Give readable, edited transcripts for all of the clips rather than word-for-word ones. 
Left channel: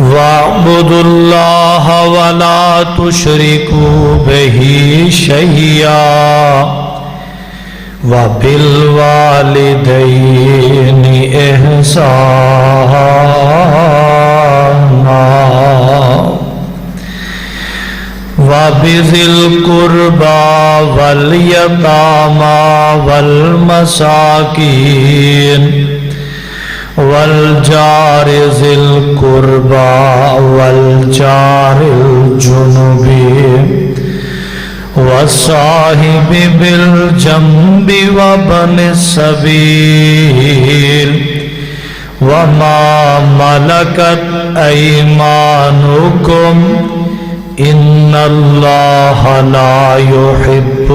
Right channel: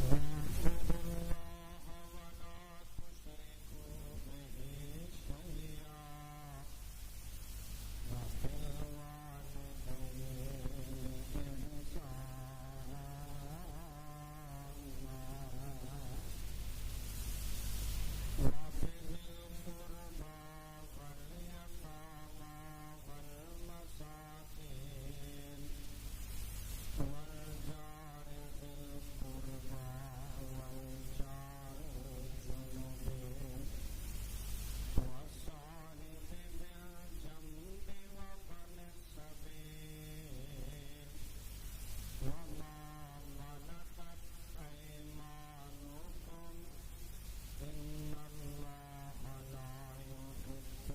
وَاعْبُدُوا اللَّهَ وَلَا تُشْرِكُوا بِهِ شَيْئًا وَبِالْوَالِدَيْنِ إِحْسَانًا وَبِذِي الْقُرْبَى وَالْيَتَامَى وَالْمَسَاكِينِ والجار ذی القربى والجار الجنب والصاحب بالجنب وابن السبیل وما ملکت ایمانکم ان اللہ لا يحب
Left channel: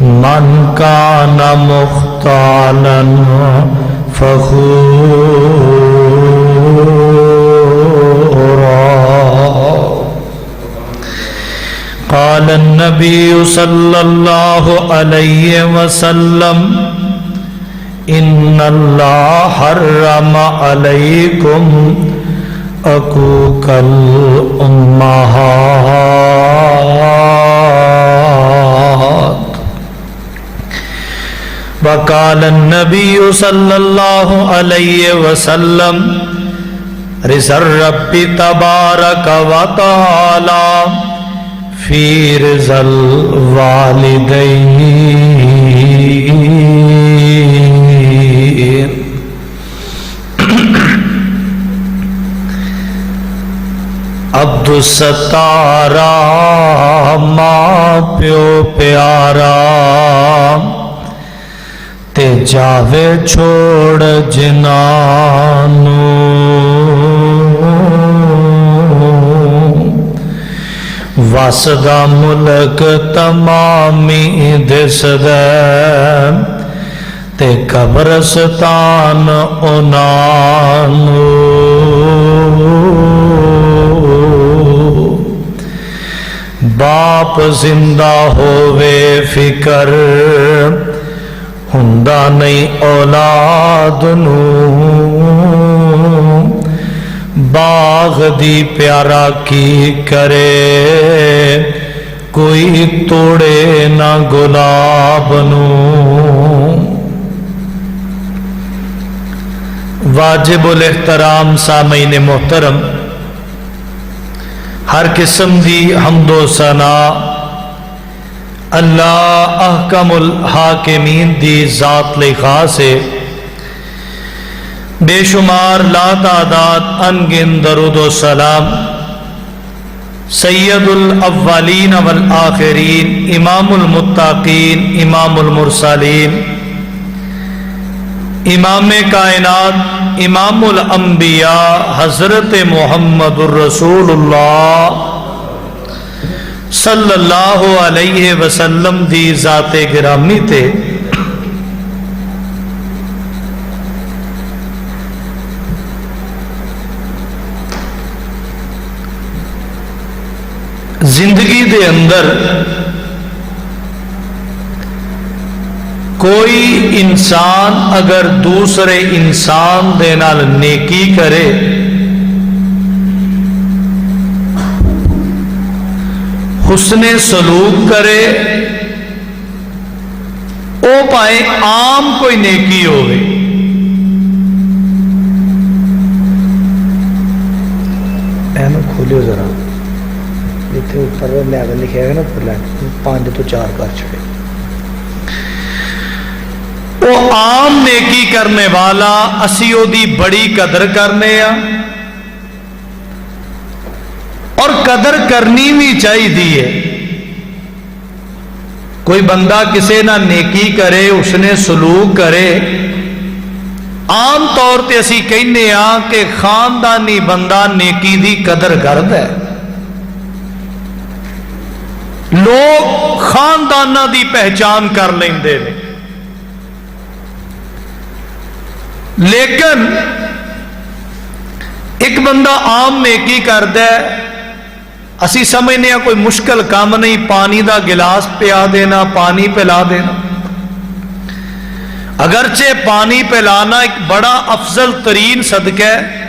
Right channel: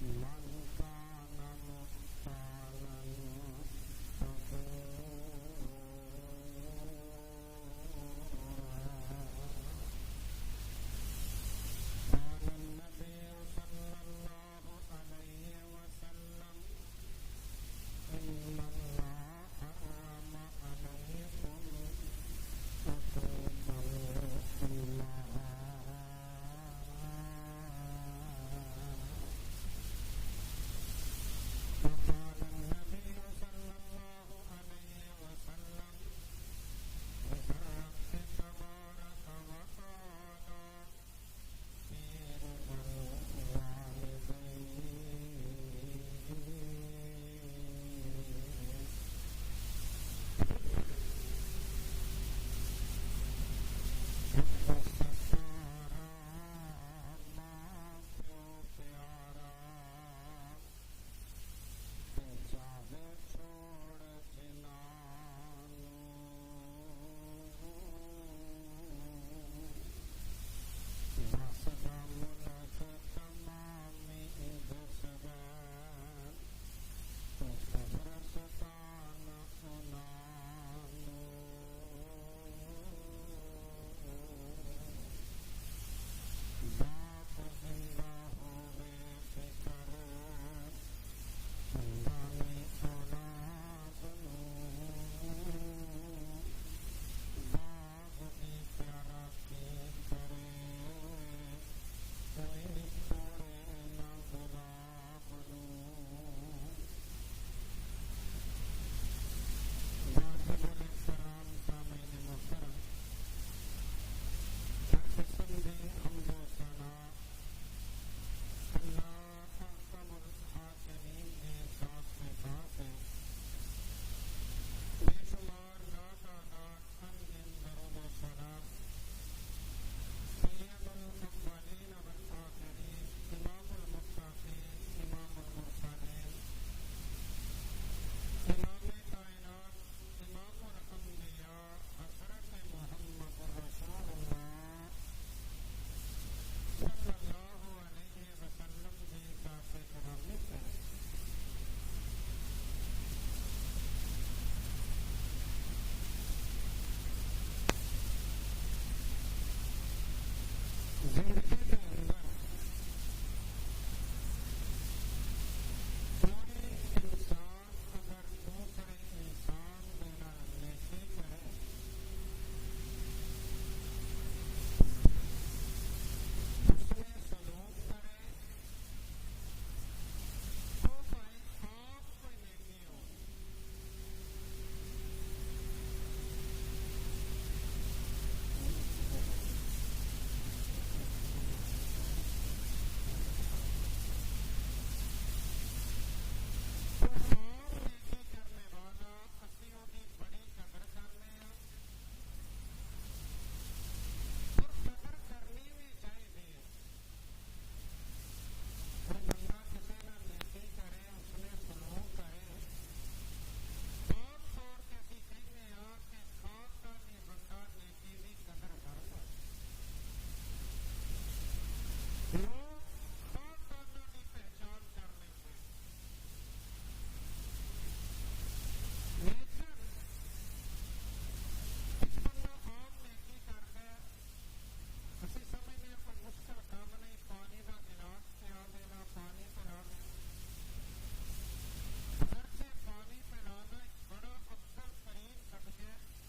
من کان مختالا فخورا قال النبي صلى الله عليه وسلم ان الله حرم عليكم عقوق الامهات وقال النبي صلى الله عليه وسلم رضا الرب تبارك وتعالى في رضا الوالدين عبد الستارا ماں پیو پیارا تے جاوے چھوڑ جنانو واسدہ ملک تمامی دس دے تے قبرستان انانو باپ زندہ ہووے فکر ہندہ نہیں اولاد نو باغ دی پیارا کی کرے کوئی توڑے نہ گلاب نو واجب الاحترام سامعین محترم ہر قسم دی حمد و ثنا اللہ احکم الحاکمین دی ذات لئی خاص ہے بے شمار لا تعداد انگن درود و سلام سید الاولین والآخرین امام المتقین امام المرسلین امام کائنات امام الانبیاء حضرت محمد الرسول اللہ صلی اللہ علیہ وسلم دی ذات گرامی تے زندگی دے اندر کوئی انسان اگر دوسرے انسان دے نال نیکی کرے حسن سلوک کرے او پائے عام کوئی نیکی ہوئے اینو کھولیو ذرا جتنے اوپر لیول لکھے گا نا اوپر لائن 5 تو 4 کر چھڑے وہ عام نیکی کرنے والا اسیو دی بڑی قدر کرنے اور قدر کرنی بھی چاہی دی ہے کوئی بندہ کسے نہ نیکی کرے اس نے سلوک کرے عام طور تے اسی کہنے کہ خاندانی بندہ نیکی دی قدر کرد ہے لوگ خاندانہ دی پہچان کر لیں دے لیکن ایک بندہ عام نیکی کرد ہے اسی سمجھنے کوئی مشکل کام نہیں پانی دا گلاس پیا دینا پانی پلا دینا اگرچہ پانی پلانا ایک بڑا افضل ترین صدقہ ہے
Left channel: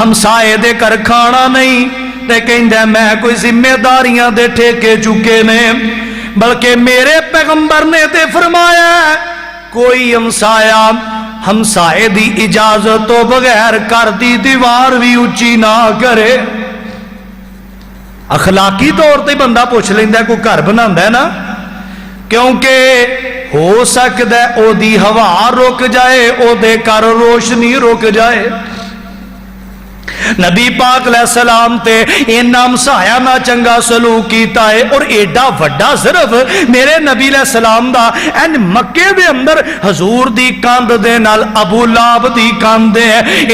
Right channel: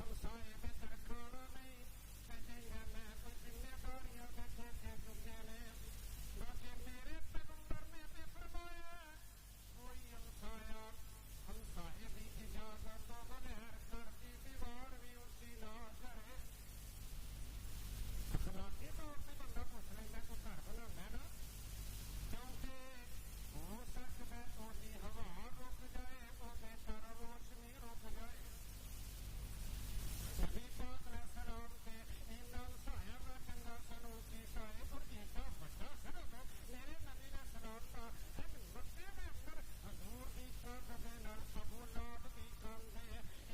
ہمسائے دے کر کھانا نہیں تے کہندا میں کوئی ذمہ داریاں دے ٹھیکے چکے نے، بلکہ میرے پیغمبر نے تے فرمایا کوئی ہمسائے دی اجازت تو بغیر گھر دی دیوار بھی اچھی نہ کرے۔ اخلاقی طور تے بندہ پوچھ لیندا کوئی گھر بناندا ہے نا، کیونکہ ہو سکتا ہے او دی ہوا رک جائے، او دے کر روشنی رک جائے۔ نبی پاک علیہ السلام تے اینا ہمسایا نہ چنگا سلوک کیتا ہے، اور ایڈا وڈا صرف میرے نبی علیہ السلام دا این مکے دے اندر حضور دی کاند دے نال ابو لہب دی کاند دے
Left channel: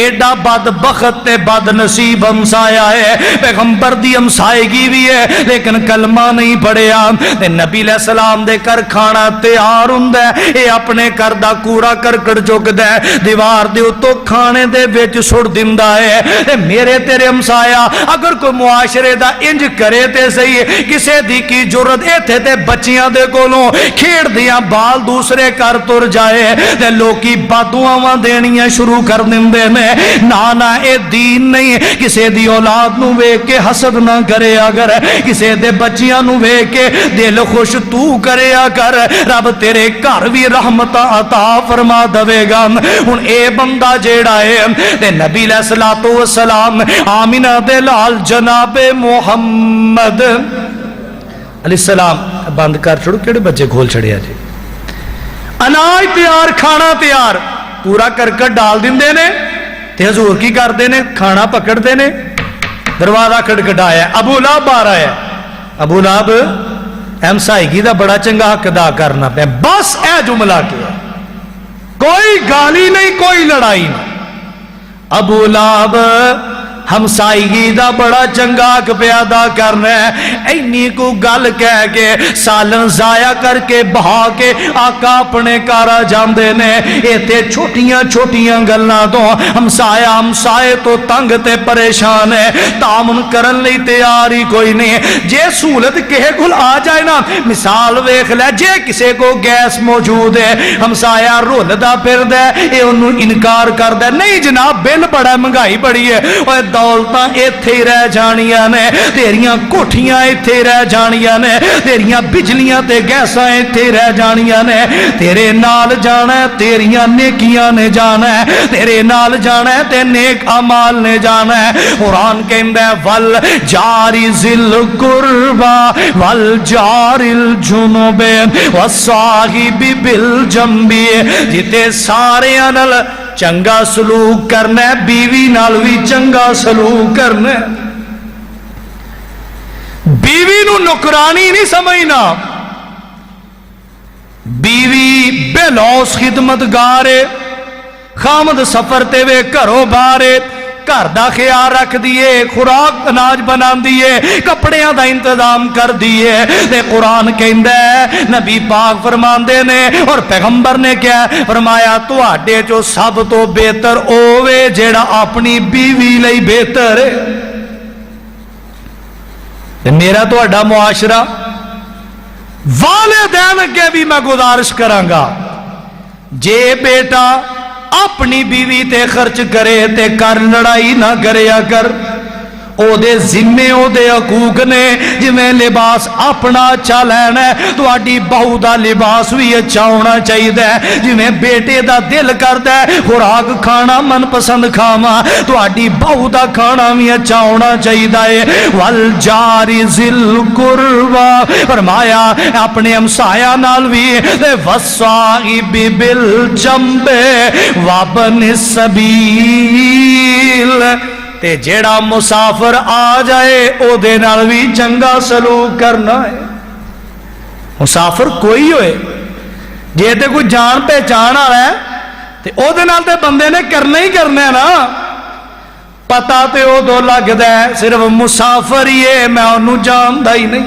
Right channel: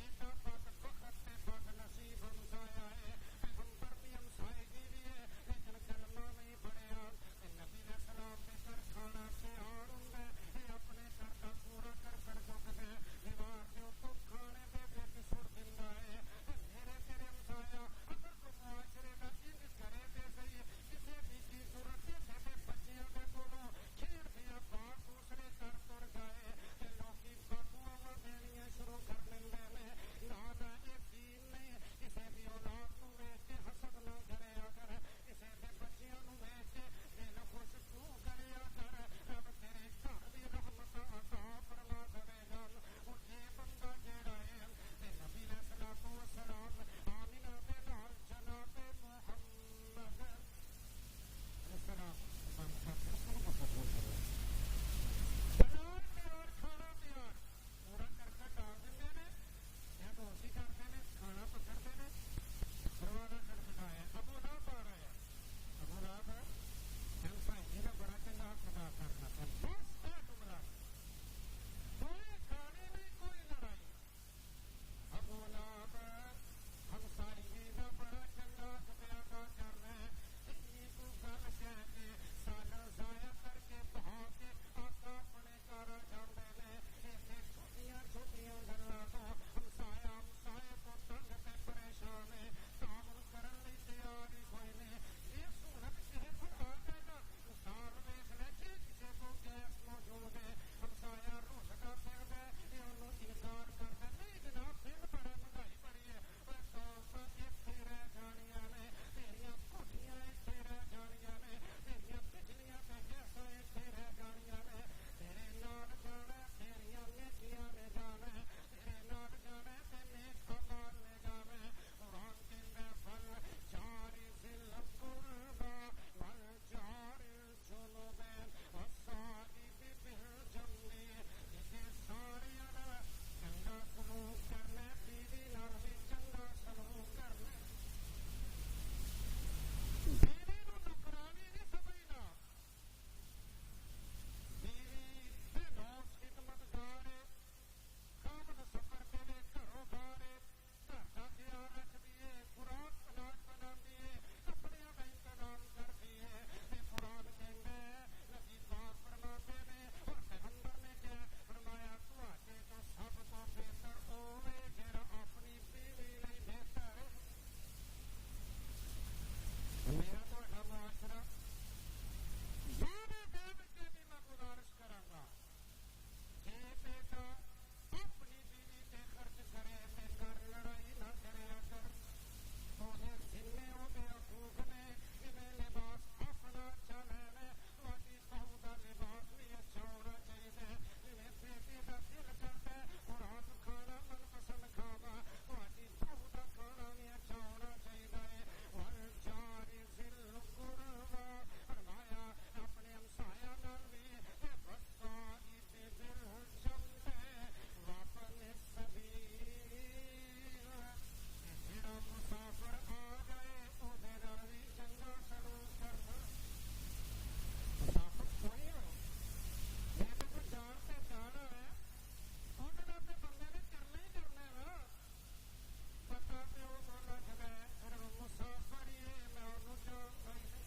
ایڈا بدبخت تے بد نصیب ہمسایا ہے، پیغمبر دی ہمسائیگی بھی ہے لیکن کلمہ نہیں پڑھیا، تے نبی علیہ السلام دے کر کھانا تیار ہوندا ہے، اے اپنے کر دا کوڑا کرکٹ چکدا ہے، دیوار دے اتوں کھانے دے وچ سٹ دیندا ہے۔ میرے تیرے ہمسایا اگر کوئی معاشرے دا انج کرے تے صحیح، کسے دی کی جرت ایتھے تے بچیاں دے کولوں کھیڑ دیاں بال دوسرے کر تر جائے تے لوکی بددعاواں دینیاں شروع کر دیندے نے۔ نانا اے دین نہیں، کسے دی اولاد نو ویکھ کے حسد نہ کرے اگر، کسے دے بچیاں نو ویکھ کے دل خوش تو کرے کر، رب تیرے گھر بھی رحمت عطا فرما دے گا۔ ہن اے بندہ جیڑا ہے تے نبی علیہ الصلوۃ والسلام آمینہ دے لال جناب محمد علیہ السلام بند کر چھوڑو، کیڑے بچے کھول چھڑیا جی، اناج تیار کھانا تیار پورا کرکٹ ڈال دیندے نے تے حضور کی کردے نے، کھانا پکڑتے نے، دروازہ کھٹکھٹایا، ابو لہب آ رہا ہے، ابو لہب ہمسائیگی دا بڑا چنگا حق ادا کرنا پیا، بس اے جملہ کیا، کوئی گالی نہیں کوئی لڑائی نہیں۔ ابو لہب ہمسائیگی دا بڑا چنگا حق پیدا کرنا ہے، اینی کو گل کہہ کے سالن ضائع کر کے بہا کے آقا اپنے کارا جاندے نے، ایتے چھوٹیاں چھوٹیاں گلاں تو ہمسائے تو تنگ تے پریشان ہے، تعاون کرن لئی تیار ہی کوئی نہیں۔ جے سہولت کہے کول آ جائے نا، مثال ویکھ لے، جے کسے کو گیس موجود ہے، ہمسایا رولدا پھردا ہے، اے اونوں انکار کردا ہے، نہیں جناب بل بڑا مہنگائی بڑی ہے، اوے دولتاں ایتھے ہی رہ جانیاں نے، تیریاں کوٹھیاں ایتھے رہ جانیاں نے، تیریاں بجلیاں تے گیساں ایتھے رہ جانیاں نے، تیرے نال جانا ہے تیریاں نیکیاں نے جانا ہے، تیرے نال جانا ہے تے نیک اعمال نے جانا ہے۔ قرآن کہندا ہے ول جاری ذل قربا ول جاری الجنوب والصاحب بالجنب، جتے سارے نال چنگا سلوک کرنا ہے، بیوی نال بھی چنگا سلوک کرنا ہے، بیوی نو نکرانی نہیں سمجھنا، بیوی بے لوس خدمتگار ہے، خامد سفر تے وے گھروں باہر ہے، گھر دا خیال رکھ دیئے، خوراک اناج بنا دیئے، کپڑیاں دا انتظام کر دیئے، تے قرآن کہندہ ہے نبی پاک فرماندے نے اور پیغمبر نے کیا فرمایا، تو آڈے جو سب تو بہتر اوے جیڑا اپنی بیوی لئی بہتر ہے۔ میرا تو آڈا معاشرہ والدین کے بھی میں گزارش کرانگا، جے بیٹا اپنی بیوی تے خرچ کرے تے کر لڑائی نہ کرے کر، او دے ذمے او دے حقوق نے، جویں لباس اپنا اچھا لینا ہے تو آڈی بہو دا لباس بھی اچھا ہونا چاہیے، جویں بیٹے دا دل کردا ہے خوراک کھانا من پسند کھاواں تو آڈی بہو دا کھانا بھی اچھا ہونا چاہیے۔ والجاری ذل قربا فرمایا اپنے ہمسایہ نال بھی، والصاحب بالجنب وابن السبیل، تے جیڑا مسافر آ جائے او دے نال بھی چنگا سلوک کرنا ہے۔ مسافر کوئی ہوئے، جے تے کوئی جان پہچان آ رہا ہے تے او دے نال تے بندے نے کرنا ہی کرنا ہے نا، پتا تے او دو لگ دے صرف مسافر ہی ہے، میں انہوں جان دا ہی نہیں۔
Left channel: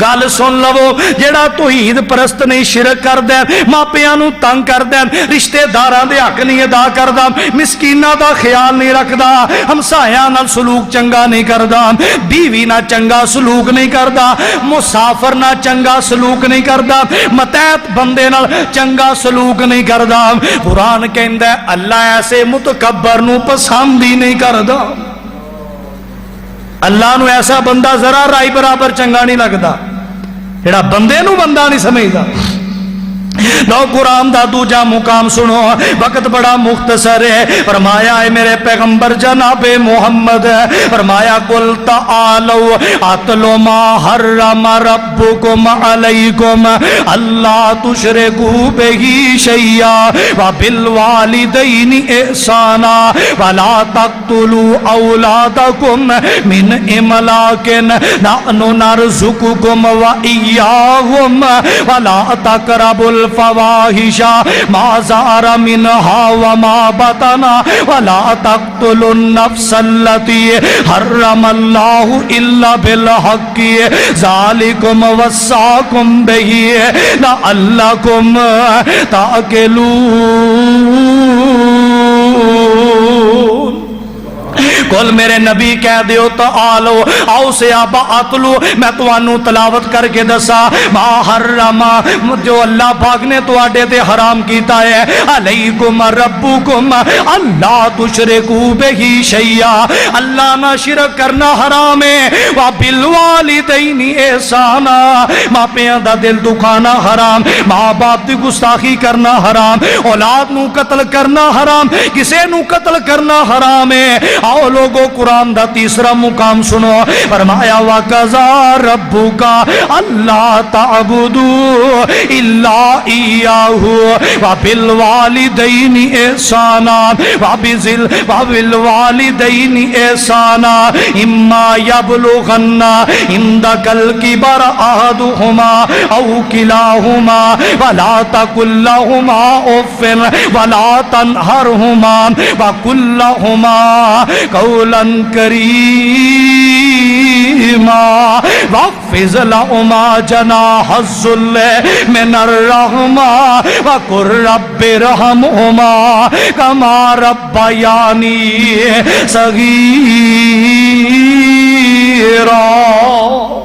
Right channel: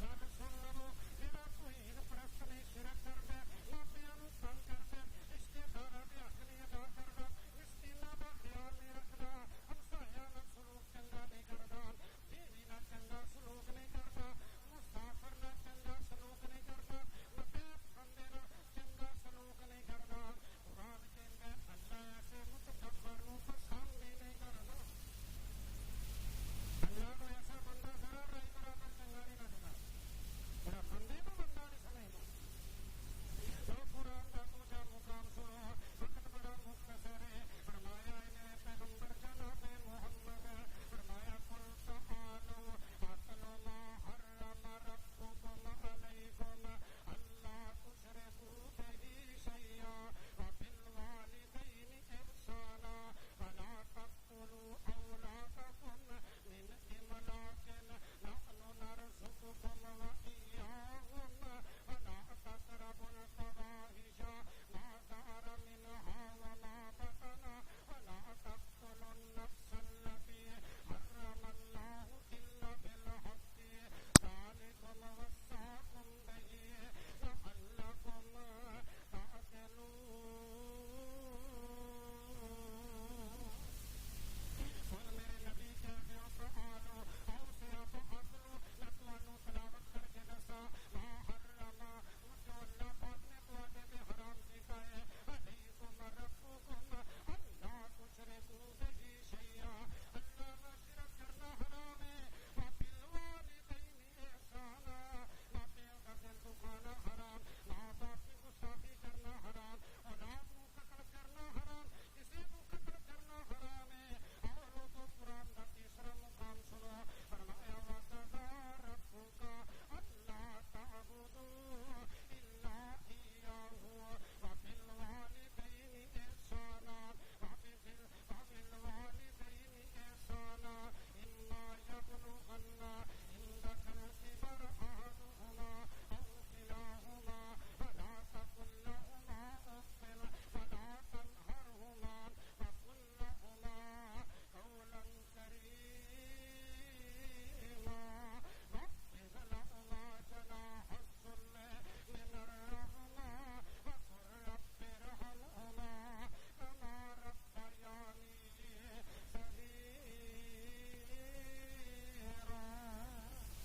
گل سن لو جڑا توحید پرست نہیں شرک کردا ماپیاں نو تنگ کردا رشتہ داراں دے حق نہیں ادا کردا مسکیناں دا خیال نہیں رکھدا ہمسایاں نال سلوک چنگا نہیں کردا بیوی نال چنگا سلوک نہیں کردا مسافر نال چنگا سلوک نہیں کردا متحت بندے نال چنگا سلوک نہیں کردا قرآن کہندا ہے اللہ ایسے متکبر نو پسند ہی نہیں کردا اللہ نو ایسا بندہ ذرا رائی برابر چنگا نہیں لگدا جڑا بندے نو بندہ نہیں سمجھدا لو قرآن دا دوجا مقام سنو وقت بڑا مختصر ہے فرمایا ہے میرے پیغمبر جناب محمد فرمایا قل تعالوا اتلو ما حرم ربکم علیکم اللہ تشرکوا بہ شیئا وبالوالدین احسانا ولا تقتلوا اولادکم من املاک نحن نرزقکم وإیاہم ولا تقربوا الفواحش ما ظهر منها وما بطن ولا تقتلوا النفس التي حرم الله الا بالحق ذلكم وصاكم به لعلكم تعقلون کل میرے نبی کہہ دیو تعالو آؤ سیابا اتلو میں توانو تلاوت کر کے دسا ما حرم جو اللہ پاک نے تو آڈے تے حرام کیتا ہے علیکم ربکم اللہ تشرکو بہی شیعہ اللہ نہ شرک کرنا حرام ہے وبالوالدین احسانا ماں پیاں دا دل دکھانا حرام ماں باپ دی گستاخی کرنا حرام اولاد نو قتل کرنا حرام کسے نو قتل کرنا حرام ہے آؤ لوگو قرآن دا تیسرا مقام سنو فرمایا وَقَضَى رَبُّكَ أَلَّا تَعْبُدُوا إِلَّا إِيَّاهُ وَبِالْوَالِدَيْنِ إِحْسَانًا وَبِالْوَالِدَيْنِ إِحْسَانًا إِمَّا يَبْلُغَنَّ عِندَكَ الْكِبَرَ أَحَدُهُمَا أَوْ كِلَاهُمَا فَلَا تَقُل لَّهُمَا أُفٍّ وَلَا تَنْهَرْهُمَا وَقُل لَّهُمَا قولا کریما واخفض لهما جناح الذل من الرحمة وقل رب ارحمهما كما ربياني صغيرا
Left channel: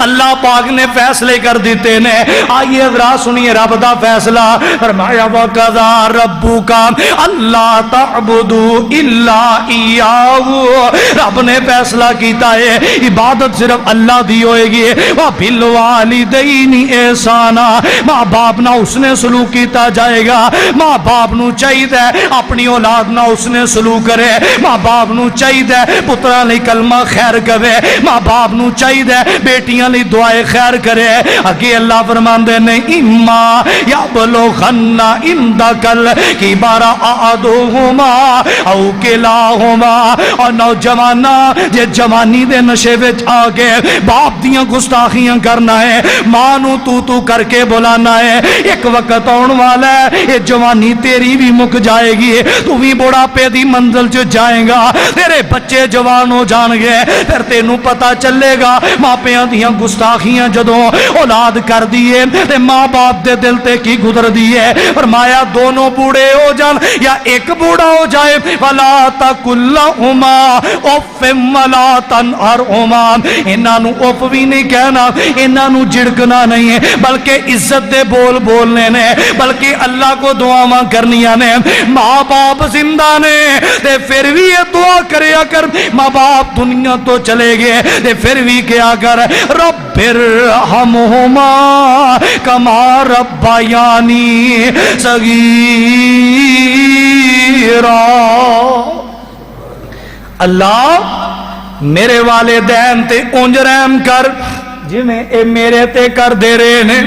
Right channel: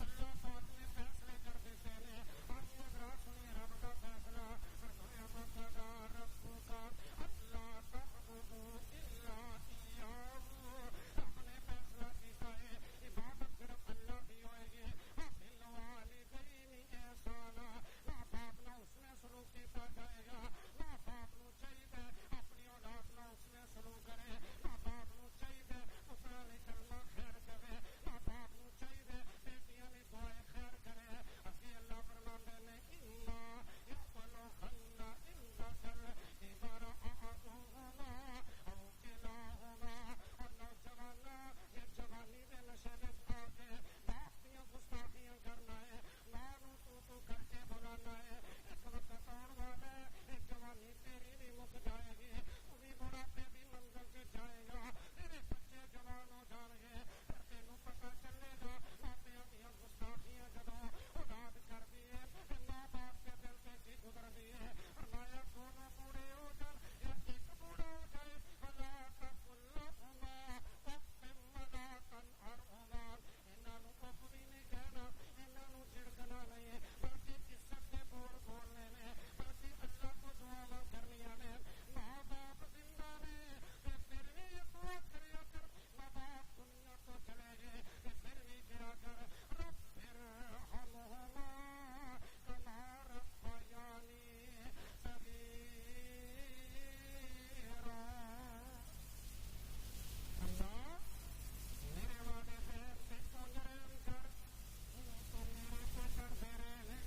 اللہ پاک نے فیصلے کر دیتے نے آئیے حضرات سنیے رب دا فیصلہ فرمایا وَقَضَى رَبُّكَ أَلَّا تَعْبُدُوا إِلَّا إِيَّاهُ رب نے فیصلہ کیتا ہے عبادت صرف اللہ دی ہوئے گی وَبِالْوَالِدَيْنِ احسانا ماں باپ نہ اس نے سلوک کیتا جائے گا ماں باپ نو چاہیے اپنی اولاد نہ اس نے سلوک کرے ماں باپ نو چاہیے پترا لئی کلمہ خیر کرے ماں باپ نو چاہیے بیٹیاں لی دعائے خیر کرے اگے اللہ فرماندے نے اما یبلغن عندک الکبر احدہما او کلاہما اور نوجوانا جے جوانی دے نشے وچ آ کے باپ دیاں گستاخیاں کرنا ہے ماں نو تو کر کے بلانا ہے ایک وقت آن والا ہے یہ جوانی تیری بھی مک جائے گی تو بھی بڑھاپے دی منزل چ جائیں گا تیرے بچے جوان ہو جان گے پھر تینوں پتہ چلے گا ماں پیاں دیاں گستاخیاں جدوں اولاد کر دیئے تے ماں باپ دے دل تے کی گزر دیئے فرمایا دونوں بوڑھے ہو جان یا ایک بوڑھا ہو جائے وَلَا تَقُل لَّهُمَا اُفٍّ وَلَا تَنْهَرْهُمَا انہاں نو اف بھی نہیں کہنا انہاں نو جھڑکنا نہیں ہے بلکہ عزت دے بول بولنے نے بلکہ اللہ کو دعاواں کرنیاں نے ماں باپ زندہ نے تے پھر بھی یہ دعا کریا کر ماں باپ دنیا تو چلے گئے تے پھر بھی کیا کر رب ارحمہما کما ربیانی صغیرا اللہ میرے والدین تے اونج رحم کر جی میں اے میرے تے کر دے رہے نے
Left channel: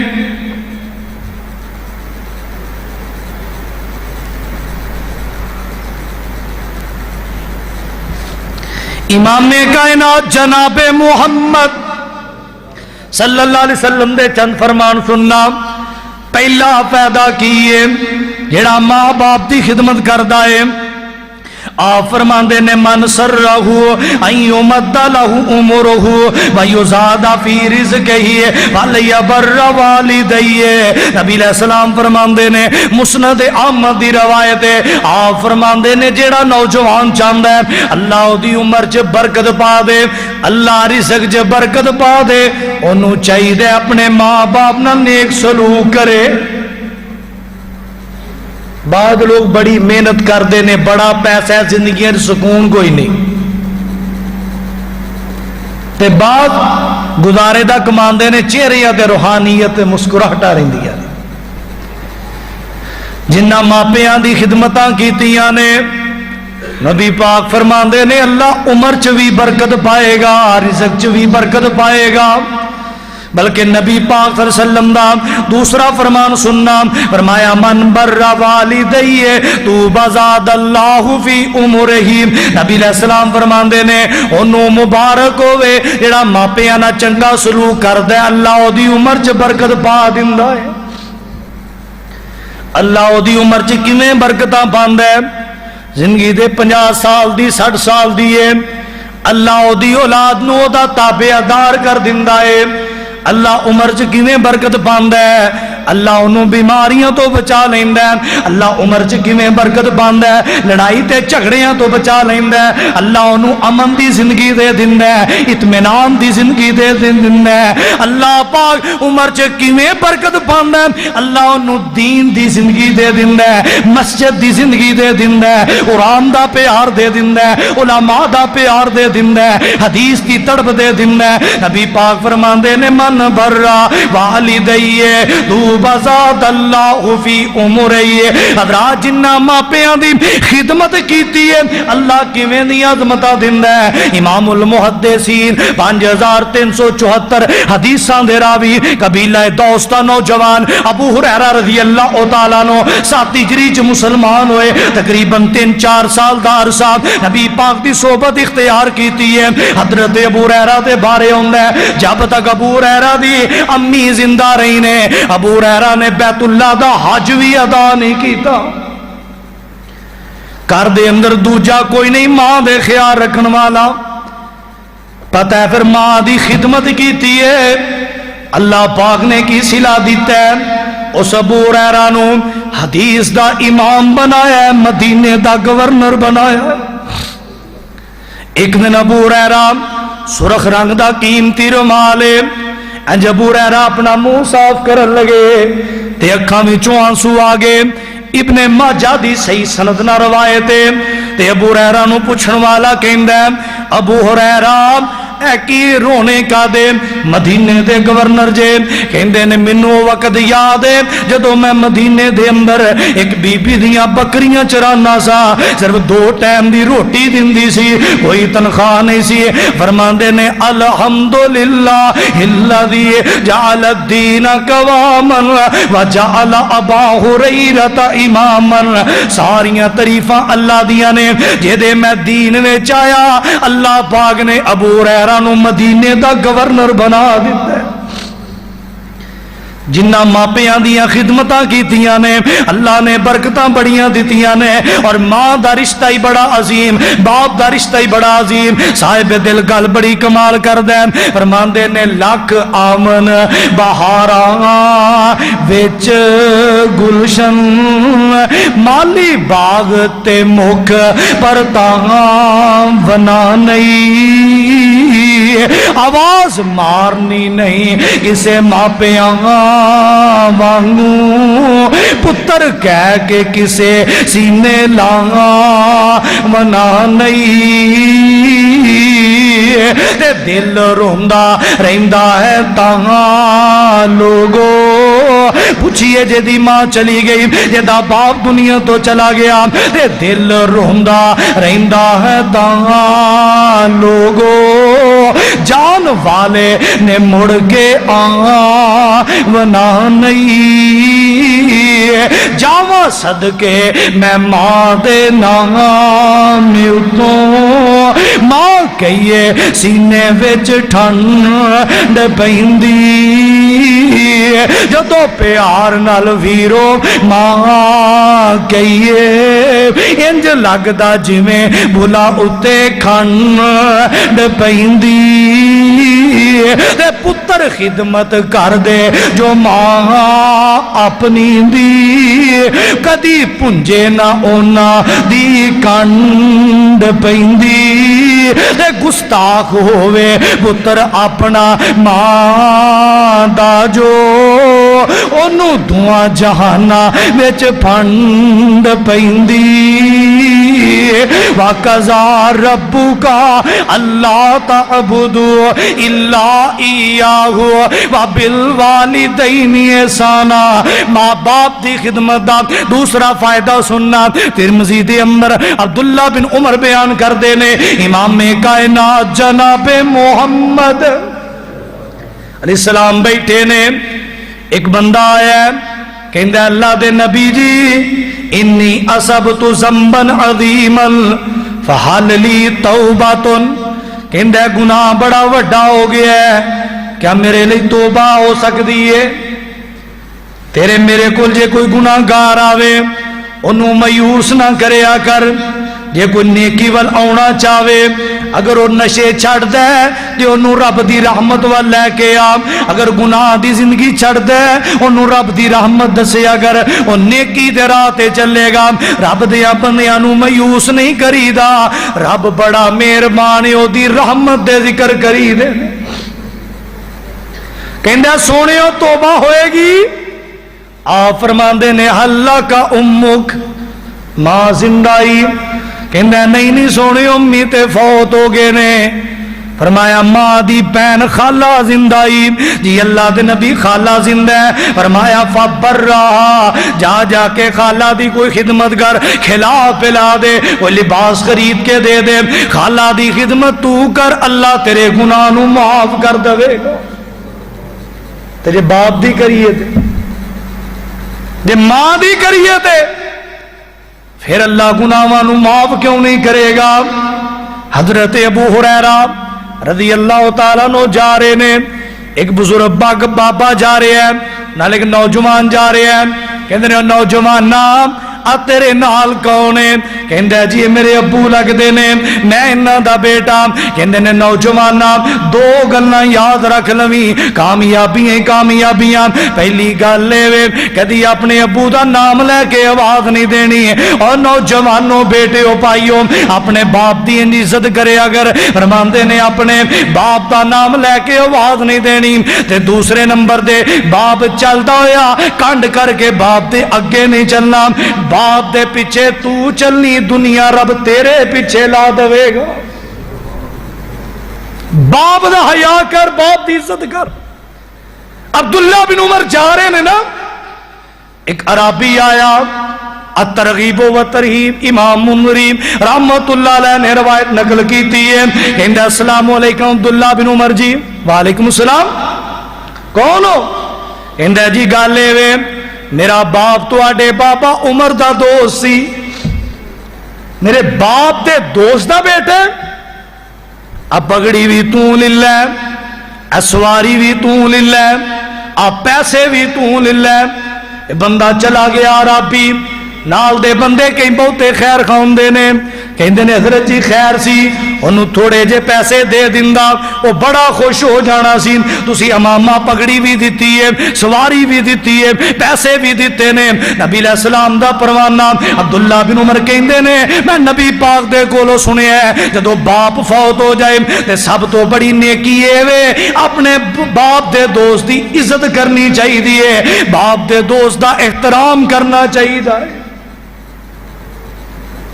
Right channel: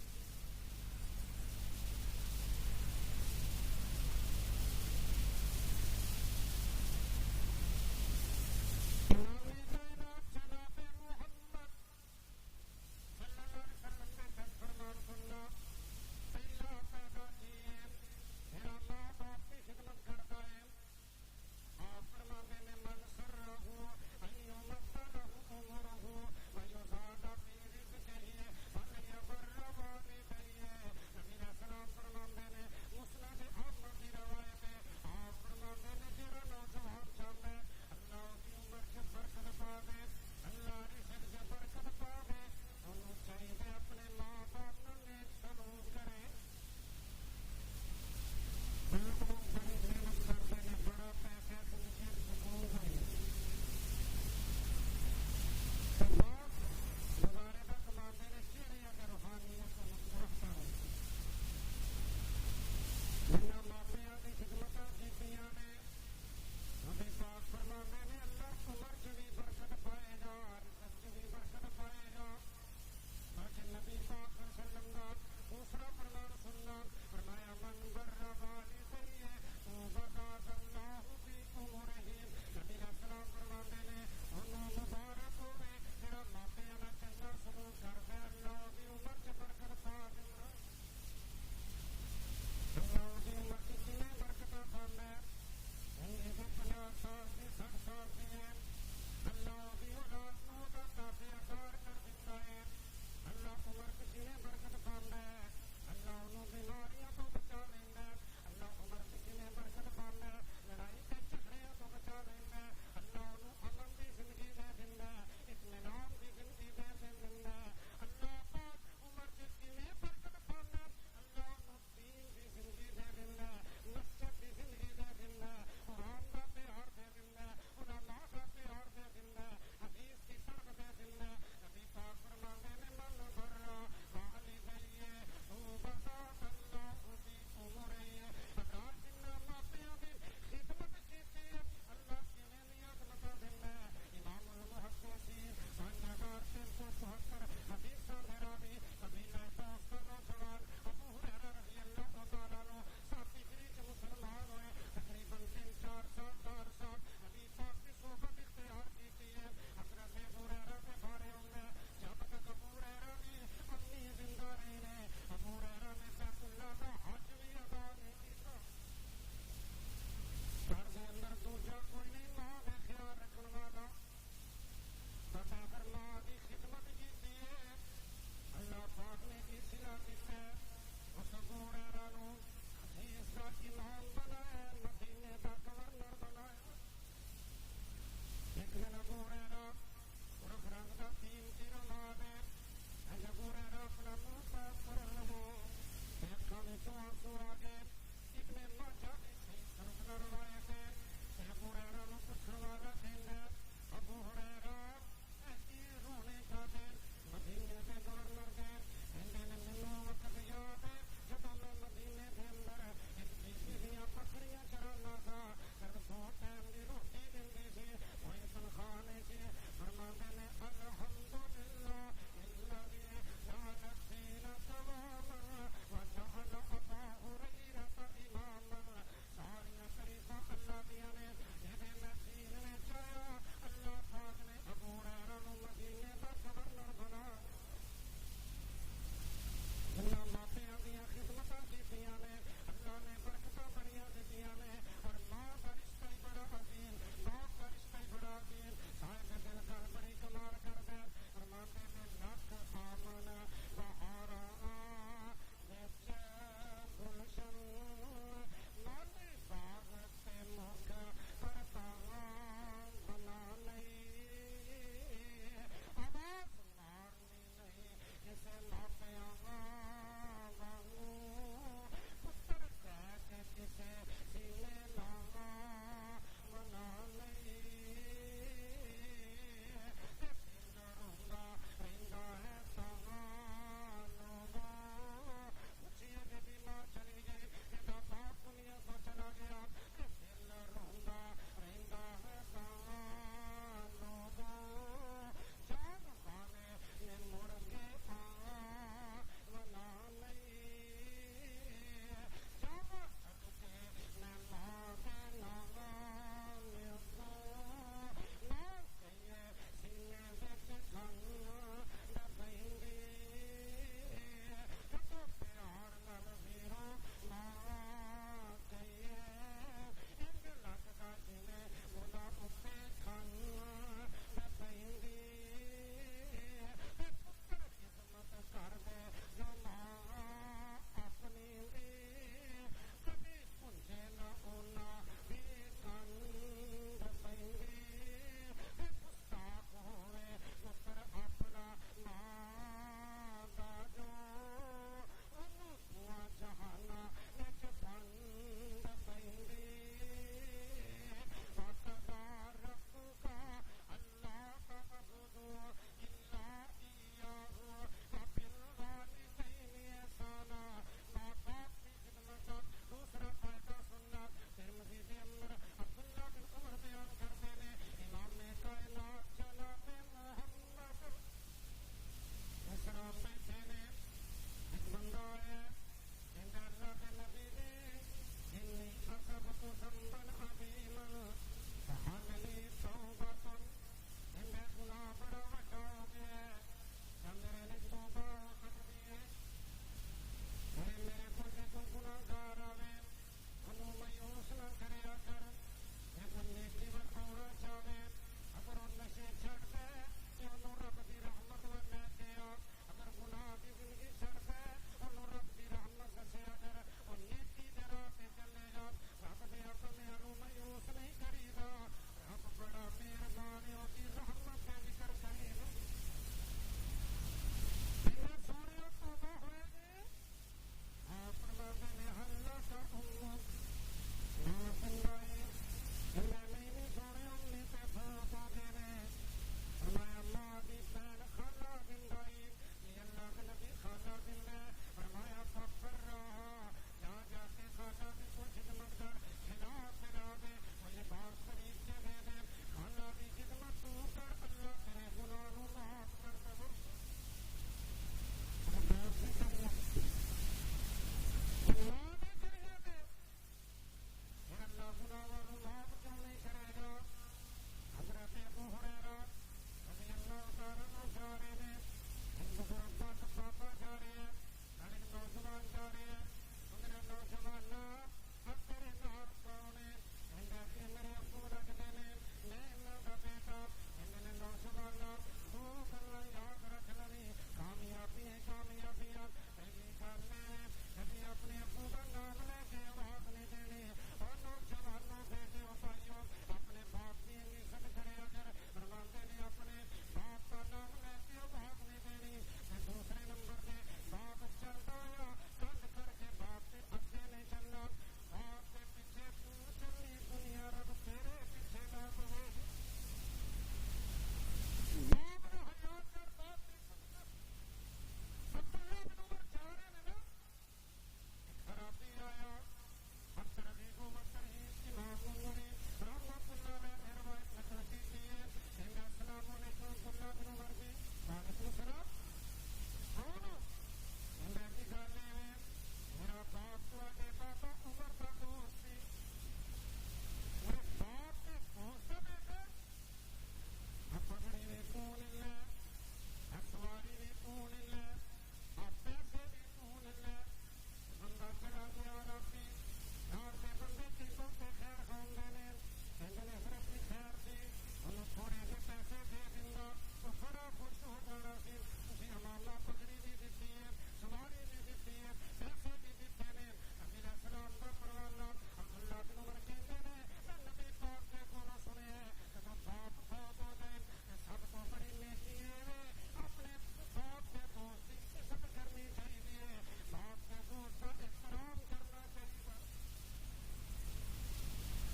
امام کائنات جناب محمد صلی اللہ علیہ وسلم دے چند فرمان سننا پہلا فائدہ کیے جڑا ماں باپ دی خدمت کردا ہے آپ فرماندے نے من سرہو ان یمد لہو عمرہو ویزاد فی رزقہی ولیبر والدیہ. نبی علیہ السلام فرماندے نے مسند احمد دی روایت ہے. آپ فرماندے نے جیڑا نوجوان چاہتا ہے اللہ دی عمر چ برکت پا دے, اللہ رزق چ برکت پا دے, انہوں چاہیے اپنے ماں باپ نال نیک سلوک کرے. بعد لوگ بڑی محنت کرتے ہیں, بڑا پیسہ ہے, زندگی سکون کوئی نہیں, تے بعد گزارے دا کماندے نے چہرے تے روحانیت مسکراہٹا رہندیاں نے. جنہ ماپیاں دی خدمتاں کیتیاں نے نبی پاک فرماندے نے اللہ عمر چ بھی برکت پائے گا, رزق چ بھی برکت پائے گا. بلکہ نبی پاک صلی اللہ علیہ وسلم دا دوسرا فرمان سننا, فرمایا من بر والدیہ تو بزاد اللہ فی عمرہی. نبی علیہ السلام فرماندے نے انہوں مبارک ہوئے جڑا ماپیاں نہ چنگا سلوک کردے, اللہ او دی عمر چ برکت پا دیندا ہے. اللہ او دی عمر چ کیویں برکتاں پاندا ہے؟ زندگی دے 50 سال دی 60 سال دی ہے, اللہ او دی اولاد نو دا تابع دار کر دیندا ہے. اللہ عمر چ کیویں برکت پاندا ہے؟ اللہ انہوں بیماریاں تو بچا لیندا ہے. اللہ عمر چ کیویں برکت پاندا ہے؟ لڑائی تے جھگڑیاں تو بچا لیندا ہے. اللہ انہوں امن دی زندگی دے دیندا ہے, اطمینان دی زندگی دے دیندا ہے. اللہ پاک عمر چ کیویں برکت پاندا ہے؟ اللہ انہوں دین دی زندگی دے دیندا ہے, مسجد دی زندگی دے دیندا ہے, قرآن دا پیار دے دیندا ہے, علماء دا پیار دے دیندا ہے, حدیث دی تڑپ دے دیندا ہے. نبی پاک فرماندے نے من برا والدیہ تو بزاد اللہ فی عمرہی. حضرات جنہ ماپیاں دی خدمت کیتی ہے اللہ کیویں دی عظمتاں دیندا ہے. امام المحدثین 5374 حدیثاں دے راوی قبیلہ دوس دا نوجوان ابو ہریرہ رضی اللہ تعالیٰ عنہ 7 ہجری چ مسلمان ہوئے. تقریباً 3-4 سال دا عرصہ نبی پاک دی صحبت اختیار کیتی ہے. حضرت ابو ہریرہ دے بارے ہوندا ہے جب تک ابو ہریرہ دی امی زندہ رہی نے ابو ہریرہ نے بیت اللہ دا حج بھی ادا نہیں کیتا. گھر دے اندر دوجا کوئی نہیں, ماں دے خیال رکھن والا. پتہ ہے پھر ماں دی خدمت کیتی ہے, اللہ پاک نے کی صلہ دیتا ہے. اس ابو ہریرہ نو حدیث دا امام بنایا ہے, مدینے دا گورنر بنایا ہے. ایک دن ابو ہریرہ سرخ رنگ دا قیمتی رومال ہے, جب ابو ہریرہ اپنا منہ صاف کرن لگے تے اکھاں وچوں آنسو آ گئے. ابن ماجہ دی صحیح سند نہ روایت ہے. تے ابو ہریرہ نو پوچھن والا کہندا ہے ابو ہریرہ اے کی رونے کا دے؟ مدینے دے گورنر جے کہندے نے مینوں وقت یاد ہے جدوں میں مدینے دے اندر ایک بی بی دیاں بکریاں چرانا سا, صرف 2 ٹائم دی روٹی دیندی سی, کوئی تنخواہ نہیں سی. فرماندے نے الحمدللہ الذی جعل الدین قواما وجعل ابا ہریرہ اماما. ساریاں تعریفاں اللہ دیاں نے جے میں دین وچ آیا اللہ پاک نے ابو ہریرہ نو مدینے دا گورنر بنا دیتا ہے. جنہ ماپیاں دیاں خدمتاں کیتیاں نے اللہ نے برکتاں بڑیاں دیتیاں نے. اور ماں دا رشتہ ہی بڑا عظیم, باپ دا رشتہ ہی بڑا عظیم. صاحب دل گل بڑی کمال کر دین, فرماندے نے لکھ آمن بہاراں وچ گلشن مالی باغ تے مکھ پر تاں بنا نہیں, آواز مارنی نہیں کسے ماپیاں وانگوں, پتر کہہ کے کسے سینے لاغا منا نہیں. تے دل روندا رہندا ہے تاں لوگو, پوچھئے جدی ماں چلی گئی جدا باپ دنیا تو چلا گیا, تے دل روندا رہندا ہے تاں لوگو, جان والے نے مڑ کے آنا نہیں. جاواں صدقے میں ماں دے نام اتوں, ماں کہیے سینے وچ ٹھنڈ پیندی. جدو پیار نال ویرو ماں کہیے انج لگدا جویں بھلا اتے کھنڈ پیندی تے پتر خدمت کر دے جو ماں اپنی دی کدی پنجے نہ اونا دی کنڈ پیندی تے گستاخ ہووے پتر اپنا ماں دا جو انو دعا جہانا وچ پھنڈ پیندی وَقَضَى رَبُّكَ أَلَّا تَعْبُدُوا إِلَّا إِيَّاهُ وَبِالْوَالِدَيْنِ إِحْسَانًا ماں باپ دی خدمت دا دوسرا فائدہ سننا ترمذی دے اندر عبداللہ بن عمر بیان کر دینے امام کائنات جناب محمد علیہ السلام بیٹھے نے ایک بندہ آیا کہندہ اللہ دے نبی جی انی اصبت ذنبا عظیما فحل لی توباتن کہندہ گناہ بڑا وڈا ہو گیا ہے کیا میرے لئے توبہ ہو سکتی ہے تیرے میرے کل جے کوئی گناہ گار آوے انہوں میوس نہ کرے آ کر جے کوئی نیکی وال آونا چاہوے اگر وہ نشے چھڑ دے جے انہوں رب دی رحمت وال لے کے آم اگر گناہ دی زندگی چھڑ دے انہوں رب دی رحمت دسے اگر وہ نیکی دے راتے چلے گا رب دے بندیاں نو میوس نہیں کری دا رب بڑا مہربان او دی رحمت دے ذکر کری دے کہندہ سونے ہو توبہ ہوئے گی آپ فرماندے نے اللہ کا امک ماں زندائی کہندہ نہیں سونے امی تے فوت ہو گئے نے فرمایا ماں دی بین خالہ زندائی جی اللہ دے نبی خالہ زندہ ہے فرمایا فبر رہا جا کے خالہ دی کوئی خدمت کر کھلا پلا دے کوئی لباس خرید کے دے دے خالہ دی خدمت تو کر اللہ تیرے گناہ نو معاف کر دے گا تیرے باپ دی کریے تے جے ماں دی کریے تے پھر اللہ گناہاں معاف کیوں نہیں کرے گا حضرت ابو ہریرہ رضی اللہ تعالیٰ نو جا رہے نے ایک بزرگ بابا جا رہے ہیں نال ایک نوجوان جا رہے ہیں کہندے نے نوجوان نام تیرے نال کونے کہندے جی میرے ابو لگ دے نے میں انہاں دا بیٹا کہندے نے نوجوان دو گلاں یاد رکھ لویں کامیابیاں پہلی گل لے کدی اپنے ابو دا نام لے کے آواز نہیں دینی اور نوجوانوں بیٹے پائیو اپنے باپ دی عزت کرے اگر فرماندے نے اپنے باپ دا نام لے کے آواز نہیں دینی تے دوسرے نمبر دے باپ چلدا ہویا کنڈ کر کے باپ دے اگے نہیں چلنا باپ دے پیچھے تو چلنی دنیا رب تیرے پیچھے لا دے گا باپ دا حیا کر باپ دی عزت کر عبداللہ بن عمر جا رہے نے نا ایک عربی آیا الترغیب و ترہیب امام منذری رحمت اللہ علیہ نے روایت نقل کی تھی کہندہ السلام علیکم عبداللہ بن عمر جی وعلیکم السلام کون ہو کہندہ جی گالے وے میرا باپ تو آڈے بابا عمر دا دوست سی میرے باپ دے دوست دا بیٹے اب پگڑی بھی تو للہ اسواری بھی تو للہ اب پیسے بھی تو للہ بندہ چلا گیا رابی نال دے بندے کہیں بہتے خیر خواندے نے کہندے نے حضرت جی خیر سی انہوں تھوڑے جے پیسے دے دیندہ وہ بڑا خوش ہو جانا سی تسی امامہ پگڑی بھی دیتی ہے سواری بھی دیتی ہے پیسے بھی دیتے نے نبی علیہ السلام دا پروانہ عبداللہ بن عمر کہندے نے میں نبی پاک دے کولو سنے ہے جدو باپ فوت ہو جائے تے سب تو بڑی نیکی ہے وے اپنے باپ دے دوست دی عزت کرنی چاہی دیئے باپ دے دوست دا احترام کرنا چاہی دیئے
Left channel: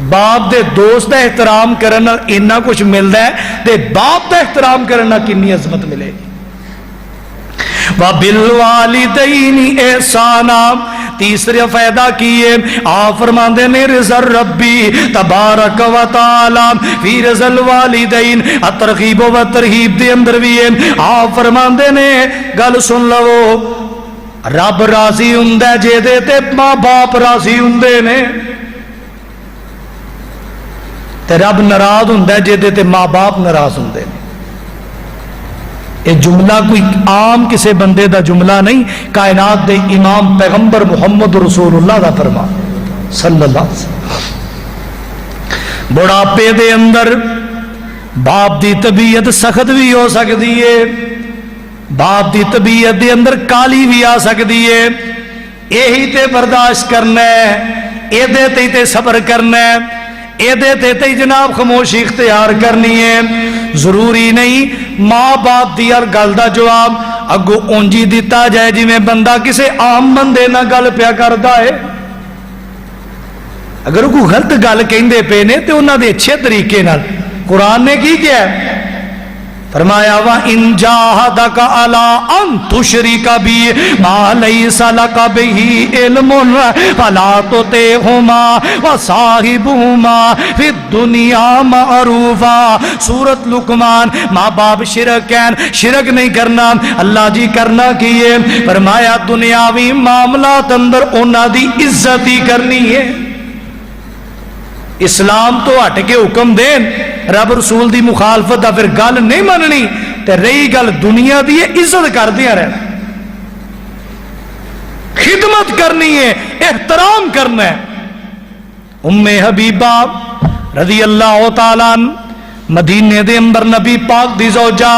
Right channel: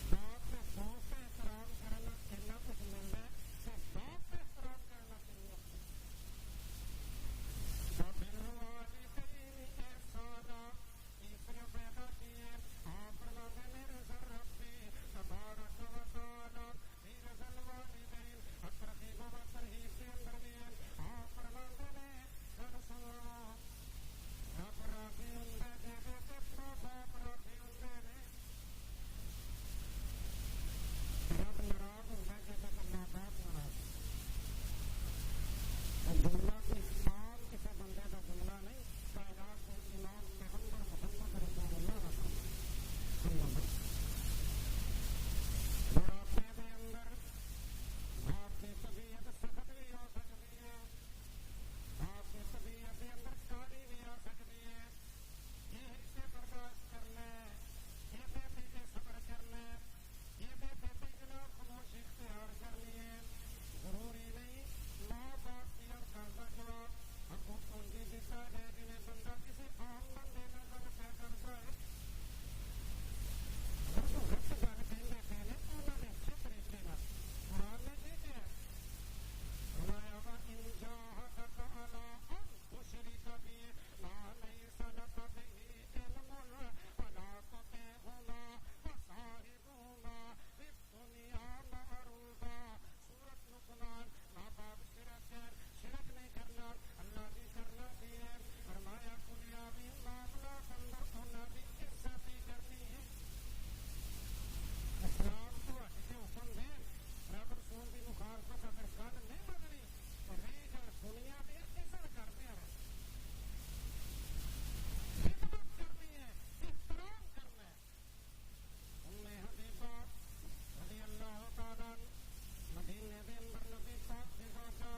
باپ دے دوست دا احترام کرنا انہا کچھ ملتا ہے تے باپ دا احترام کرنا کنی عظمت ملے وَبِالْوَالِدَيْنِ اِحْسَانًا تیسرے فائدہ کیے آپ فرماندے نے رضا ربی تبارک و تعالی فی رضا الوالدین الترغیب و ترہیب دے اندر بھی آپ فرماندے نے گل سن لو رب راضی ہوندے جے دے تے ماں باپ راضی ہوندے نے تے رب ناراض ہوندا ہے جے دے تے ماں باپ ناراض ہوندے نے یہ جملہ کوئی عام کسی بندے دا جملہ نہیں، کائنات دے امام پیغمبر محمد رسول اللہ دا فرمان صلی اللہ علیہ وسلم۔ بڑھاپے دے اندر باپ دی طبیعت سخت بھی ہو سکتی ہے، باپ دی طبیعت دے اندر کالی بھی آ سکتی ہے، یہی تے برداشت کرنا ہے، اے دے تے صبر کرنا ہے، اے دے تے جناب خاموشی اختیار کرنی ہے۔ ضروری نہیں ماں باپ دی ہر گل دا جواب اگو اونجی دیتا جائے جی میں بندہ کسے عام بندے نہ گل پیا کردا ہے۔ اگر کوئی غلط گل کہندے پے نے تے انہاں دے اچھے طریقے نال قرآن نے کی کیا ہے؟ فرمایا وَإِن جَاهَدَكَ عَلَىٰ أَن تُشْرِكَ بِي مَا لَيْسَ لَكَ بِهِ عِلْمٌ فَلَا تُطِعْهُمَا وَصَاحِبْهُمَا فِي الدُّنْيَا مَعْرُوفًا۔ سورۃ لقمان۔ ماں باپ شرک نہیں کرنا، اللہ جی کرنا کیے؟ فرمایا دنیاوی معاملات اندر انہاں دی عزت ہی کرنی ہے۔ اسلام تو ہٹ کے حکم دین، رب رسول دی مخالفت دا پھر گل نہیں مننی، تے رہی گل دنیا دی عزت کر دیا رہنا، خدمت کرنی ہے، احترام کرنا ہے۔ ام حبیبہ رضی اللہ تعالیٰ عنہ مدینے دے اندر نبی پاک دی زوجہ،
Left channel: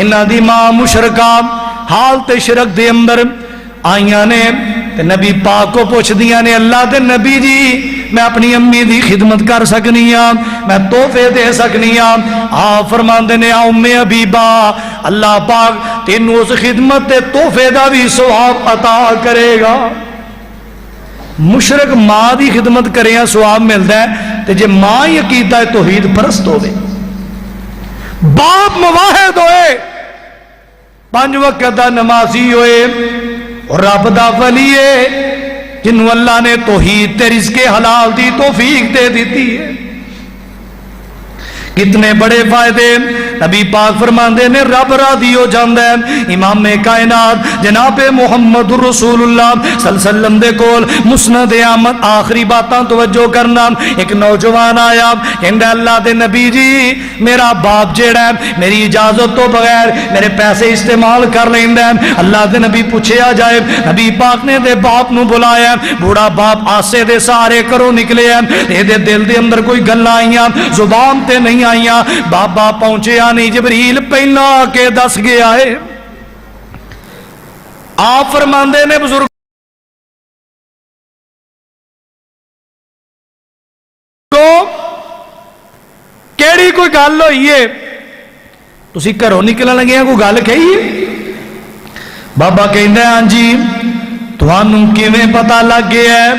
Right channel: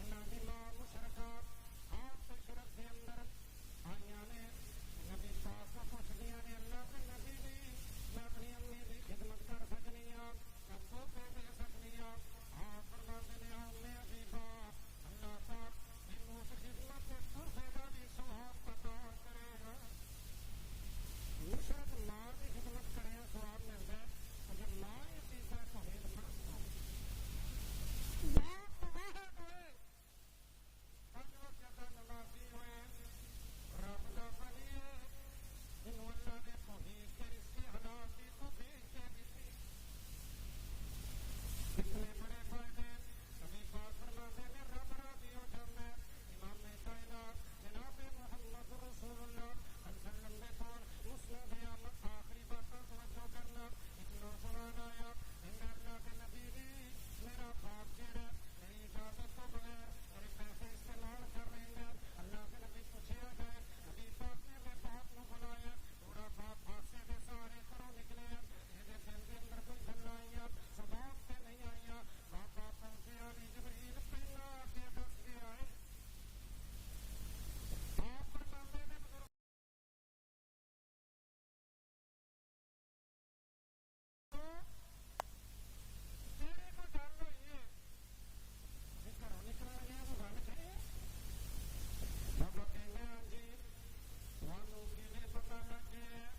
انہاں دی ماں مشرکہ حالت شرک دے اندر آئیاں نے تے نبی پاک کو پوچھ دیا نے اللہ دے نبی جی میں اپنی امی دی خدمت کر سکنی ہاں، میں تحفے دے سکنی ہاں؟ آپ فرماندے نے ام حبیبہ اللہ پاک تینوں اس خدمت تے تحفے دا بھی ثواب عطا کرے گا۔ مشرک ماں دی خدمت کرے ہیں ثواب ملتا ہے، تے جے ماں ہی عقیدہ توحید پرست ہوئے، باپ مواحد ہوئے، 5 وقت دا نمازی ہوئے اور رب دا ولی ہے جنہوں اللہ نے توحید تے رزق حلال دی توفیق دے دیتی ہے، کتنے بڑے فائدے نبی پاک فرماندے نے رب راضی ہو جاندا ہے۔ امام کائنات جناب محمد رسول اللہ صلی اللہ علیہ وسلم دے کول مسند احمد آخری باتاں توجہ کرنا، ایک نوجوان آیا کہندا اللہ دے نبی جی میرا باپ جیڑا ہے میری اجازت تو بغیر میرے پیسے استعمال کر لیندا ہے۔ اللہ دے نبی پوچھیا جائے، نبی پاک نے دے باپ نو بلایا، بوڑھا باپ آسے دے سارے کرو نکلے ہیں، دے دل دے اندر کوئی گلاں آئیاں زبان تے نہیں آئیاں، بابا پہنچیا نہیں، جبریل پہلا آ کے دس گیا ہے۔ آپ فرماندے نے بزرگ کیڑی کوئی گل ہوئی ہے تسی گھروں نکلن لگے ہیں کوئی گل کہی ہے؟ بابا کہندا ہاں جی تھانوں کیویں پتہ لگ گیا ہے؟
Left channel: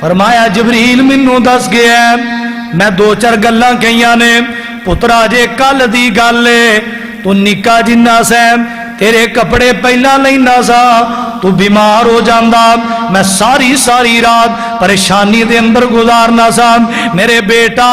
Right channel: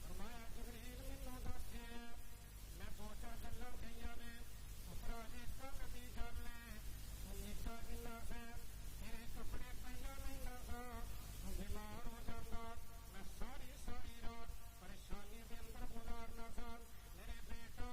فرمایا جبریل مینوں دس گیا ہے، میں 2-4 گلاں کہیاں نے، پترا جے کل دی گل ہے تو نکا جنہ سے تیرے کپڑے پہلا لینا سا تو بیمار ہو جاندا، میں ساری رات پریشانی دے اندر گزارنا سا، میرے بیٹا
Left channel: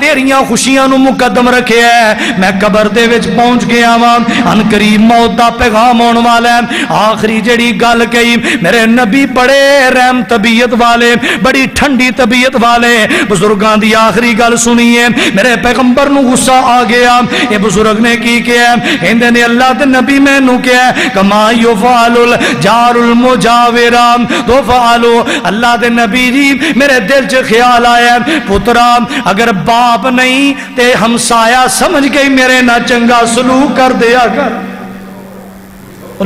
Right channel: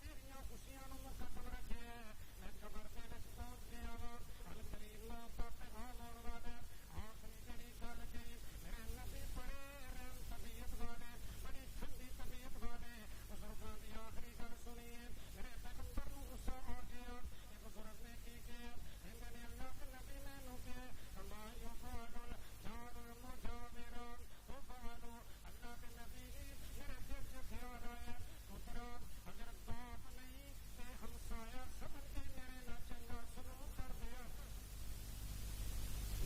تیریاں خوشیاں نو مقدم رکھے ہے، میں قبر دے وچ پہنچ گیا ہاں، ان قریب موت دا پیغام آن والا ہے۔ آخری جڑی گل کہی میرے نبی بڑے رحم طبیعت والے، بڑی ٹھنڈی طبیعت والے، بزرگاں دی آخری گل سنیے، میرے پیغمبر نو غصہ آ گیا، یہ بزرگ نے کی کیا کہندے نے اللہ تے نبی میں نو کیا کما یفعل الجار المجاورام تو فعلو، اللہ دے نبی جی میرے دل چ خیال آیا پترا اگر باپ نہیں تے ہمسایا سمجھ گئی میرے نہ چنگا سلوک کر دیا کر۔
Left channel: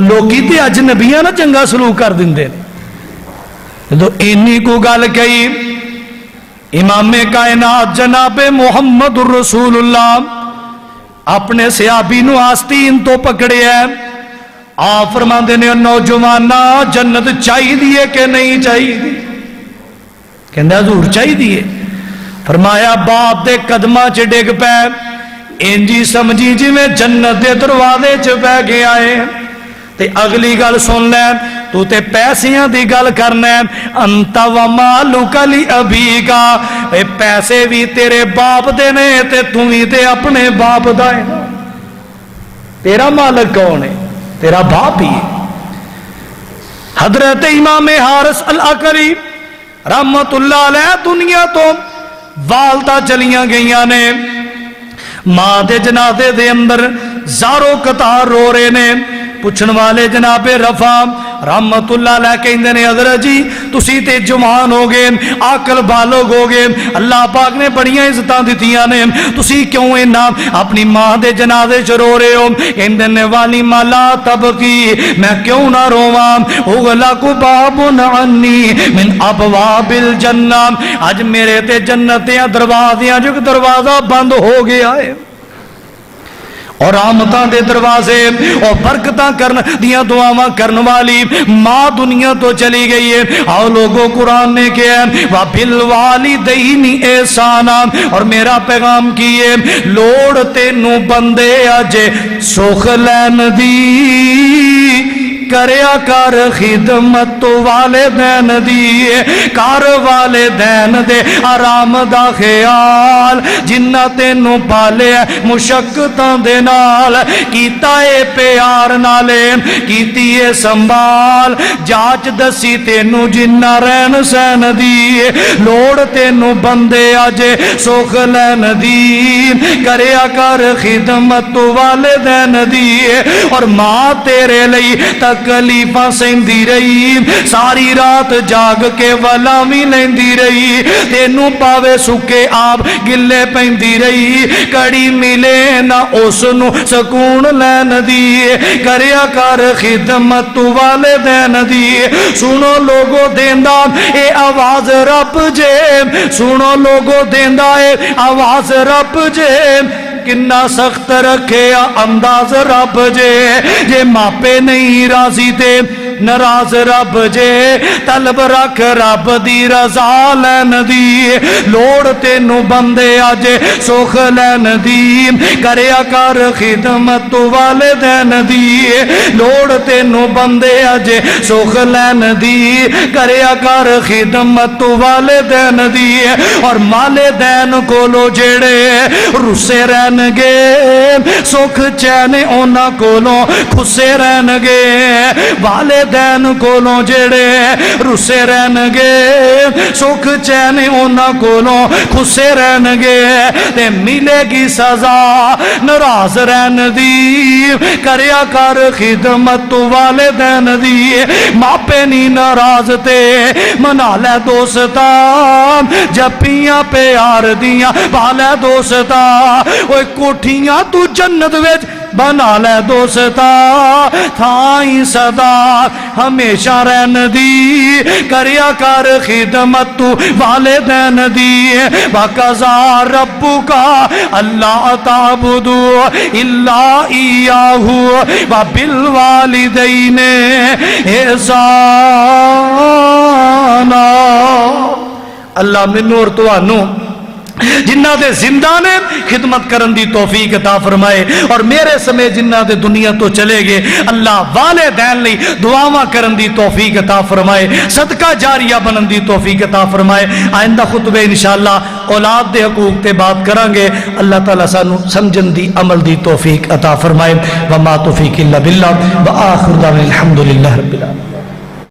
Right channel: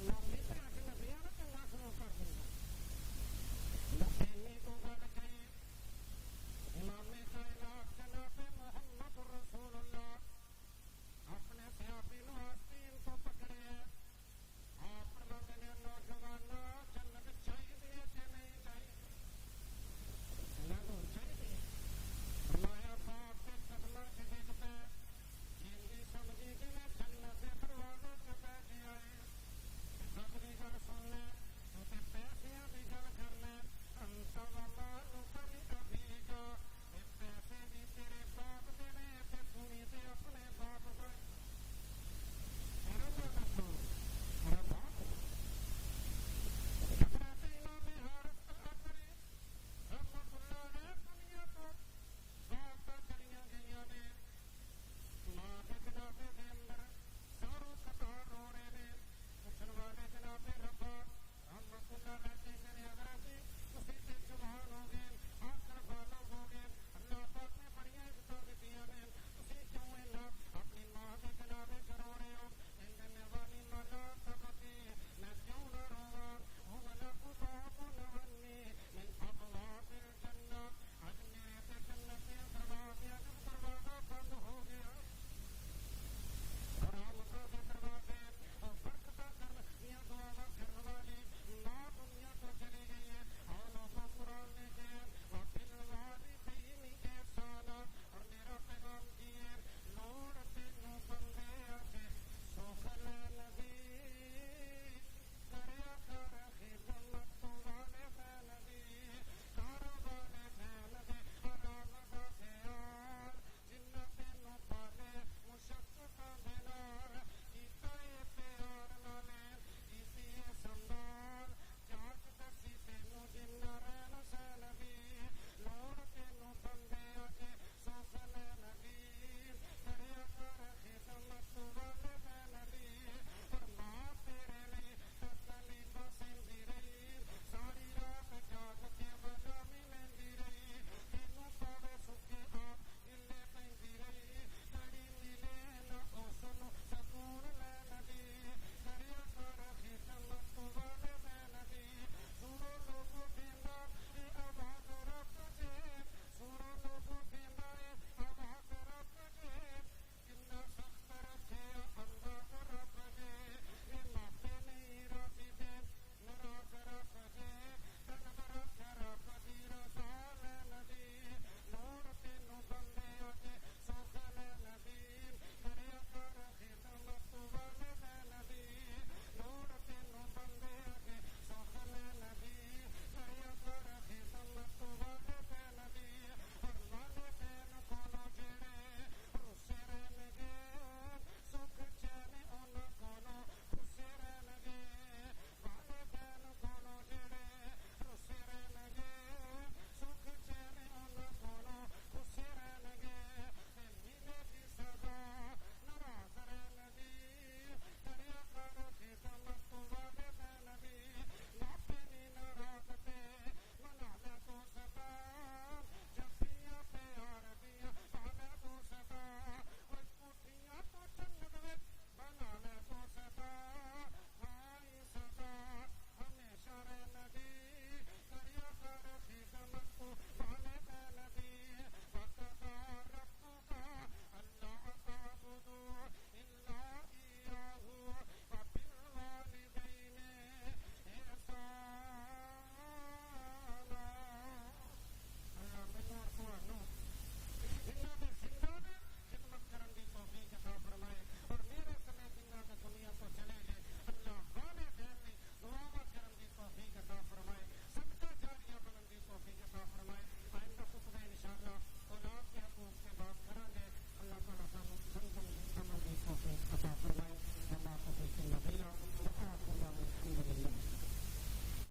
لوکی تے اج نبیاں نہ چنگا سلوک کر دیندے تو اینی کو گل کہی امام کائنات جناب محمد رسول اللہ اپنے صحابی نو آستین تو پکڑے ہیں، آپ فرماندے نے نوجوانہ جنت چاہی دیئے کہ نہیں چاہی دی؟ کہندہ حضور چاہی دیئے۔ فرمایا باپ دے قدمہ چ ڈگ پے انجی سمجھی جی میں جنت دے دروازے چ پہ گیا ہے۔ تے اگلی گل سن لے تو تے پیسیاں دی گل کرنا ہے، انت و مالک لی ابی کا، پیسے بھی تیرے باپ دے نے تے تو ہی تے اپنے باپ دائے، تیرا مالک کون ہے؟ تیرا باپ ہی۔ حضرت امام حارث العقلی رحمت اللہ علیہ دنیا تو والدہ چلیاں گئیاں نے، ماں دے جنازے دے اندر زارو قطار رو رہے نے. پوچھن والے جناب رفا رحمت اللہ علیہ کہندے نے حضرت جی تسی تے جوان ہو گئے عاقل بالغ ہو گئے اللہ پاک نے بڑیاں عزتاں دتیاں نے تسی کیوں اینا اپنی ماں دے جنازے چ رو رہے ہو؟ کہندے نے والی مالا تبکی میں کیوں نہ روواں اغلق باب عنی من ابواب الجنہ اج میرے تے جنتیاں دروازیاں جو دروازہ بند ہو گیا ہے اور رحمتاں دے دروازے اور برکتاں کرن دیاں دعاواں کرن والی ماں دنیا تو چلی گئی ہے. آؤ لوگوں قرآن نے کیا ہے وَبِالْوَالِدَيْنِ اِحْسَانًا اور میرا پیغام کیے لوڑ تینوں بندے اجے سوکھ لین دی کریا کر خدمت والدین دی کار والدین دے آرام دا خیال جنہ تینوں پالے مشقتاں دے نال کیتا اے پیار نالے کیتی اے سنبھال جاچ دسی تینوں جنہ رہن سین دی لوڑ تینوں بندے آجے سوکھ لین دی کریا کر خدمت والدین دی اور ماں تیرے لئی تکلیفاں سہندی رہی ساری رات جاگ کے ولامی لیندی رہی تینوں پاوے سکے آپ گلے پیندی رہی کڑی ملے نہ اس نو سکون لین دی کریا کر خدمت والدین دی. سنو لوگو دیندا اے آواز رب جے سنو لوگو دیندا اے آواز رب جے کنا سخت رکھے انداز رب جے ماپے نہیں راضی تے ناراض رب جے طلب رکھ رب دی رضا لین دی لوڑ تینوں بندے آجے سوکھ لین دی کریا کر خدمت والدین دی لوڑ تینوں بندے آجے سوکھ لین دی کریا کر خدمت والدین دی اور والدین کو لو جیڑے رسے رہن گے سکھ چین اونا کولوں خسے رہن گے والدین کولوں جڑے رسے رہن گے سکھ چین اونا کولوں خسے رہن گے تے ملے گی سزا ناراض رہن دی کریا کر خدمت والدین دی ماپے نہیں ناراض تے منا لے دوستا جپیاں پیار دیاں پالے دوستا اوے کوٹھیاں تو جنت وچ بنا لے دوستا تھائی صدا ہمیشہ رہن دی کریا کر خدمت والدین دی وَقَضَىٰ رَبُّكَ أَلَّا تَعْبُدُوا إِلَّا إِيَّاهُ وَبِالْوَالِدَيْنِ إِحْسَانًا. اللہ منو اور توانو جنہ دے زندہ نے خدمت کرن دی توفیق عطا فرمائے اور میرے سمیں جنہ دے دنیا تو چلے گئے اللہ والدین لئی دعاواں کرن دی توفیق عطا فرمائے صدقہ جاریہ بنن دی توفیق عطا فرمائے. آئندہ خطبے انشاءاللہ اولاد دے حقوق تے بات کرانگے. اللہ تعالیٰ سانو سمجھن دی عمل دی توفیق عطا فرمائے. وما توفیق اللہ باللہ وآخر دعوانا الحمدللہ رب العالمین.